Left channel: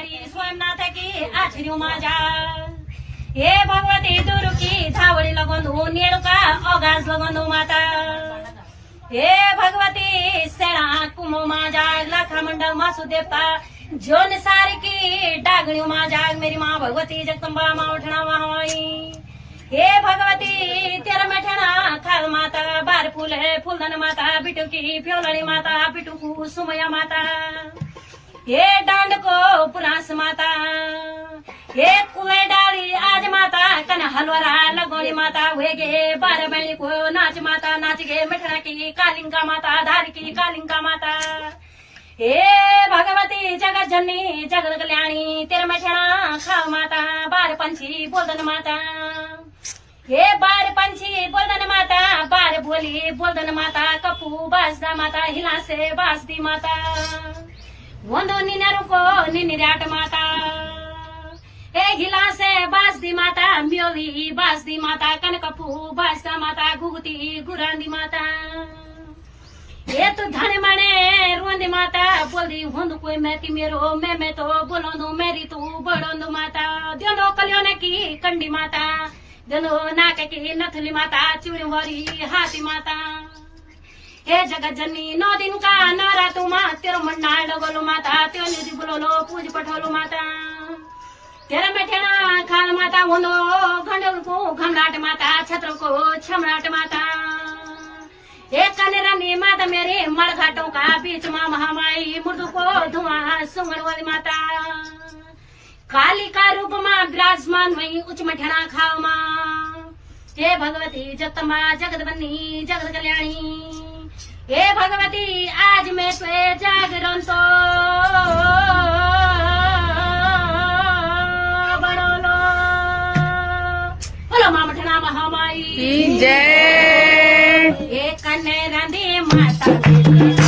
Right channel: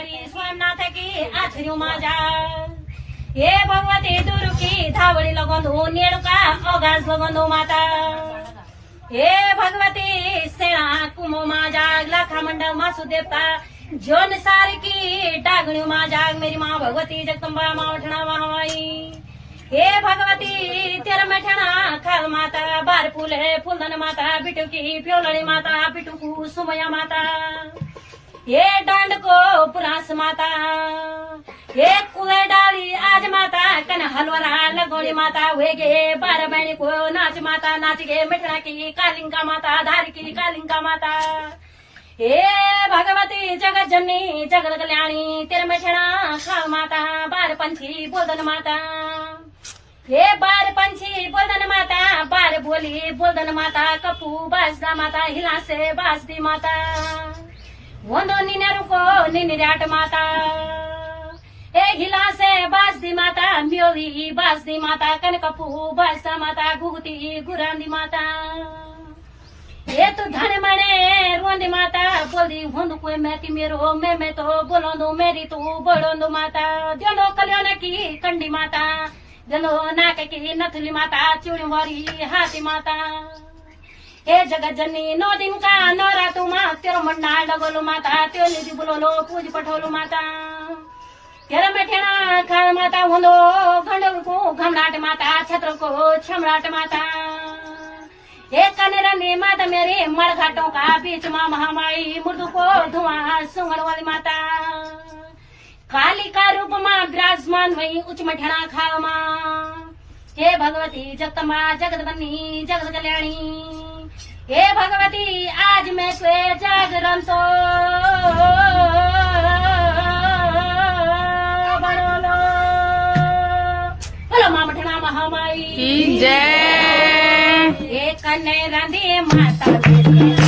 महामारी सोमनाथ की आचर्य माझ्या हे भगवती दुर्गी धावडी लगोंदू नेळुका अगास लगोंदू माता हे भगवती सेना कुमो माझ्या लाखा मंडळ मासू देवता जोन सारखी डागणी माझ्या मेरी माँ भगवती जगदंबा मावठणा वाहवाई हे भगवती तेरा मैठणा खाल माता बार फूल है फूलधन माता बिटू की प्योलड़ी माता बिटू सुमया माता हे डांड को पुरास माता हे कुए डाली आज माता कन हलवरा लगोनी माता हुए गे बार बहनी को नाच माता नाच गे मिठना की कालिंका माता धारी की कालिंका माता हे भगवती जगत जननी जगत कल्याणी तेरे मैठना खाल माता बार पंछी बोलदन माता हे बार पंछी बोलदन माता बार बोली बोलदन माता कपू बासदा माता हिला से बासदी माता वंदो निन्यारू को निन्याट माता हे हिला से बासदी माता म्योवी बासदी माता कनकपू बासदा माता घुगती गुरांदी माता ये तो धन मणे रोंदी माता बोलदी होंदु कोई मैती मेरो मैं तो बोलोंदु मेरी तू बड़ोंदु माता द्योंदो कल्याण की कंडी माता द्योंदो नाक की नथुली माता चूड़ी वारी हाथी माता हे जगत जननी 9 दिन का नवरात्रु माँ तेरो मंडाल लगोलो माता त्यो निधि बुलोलो पूज पठोलो माता तेरा मैठेना खाल माता होंदो घंडल को घमलाट माता छत्र को छमलाट माता हे कनेरानी माता मेरे मड़घाटों का बीच माँ महामाई मृदु को धुआं सुंगड़ वाली माता काली का रूप माँ विराजमान वही उच्च मठेना खाल माँ हे भगवती जगदम्बा जगत बन्नी जगत कल्याणी हे भगवती आज मैं तुए जागरण तो बड़ोलो बोलो माँ मठना महामाई जय हे कन्ने रांधे माता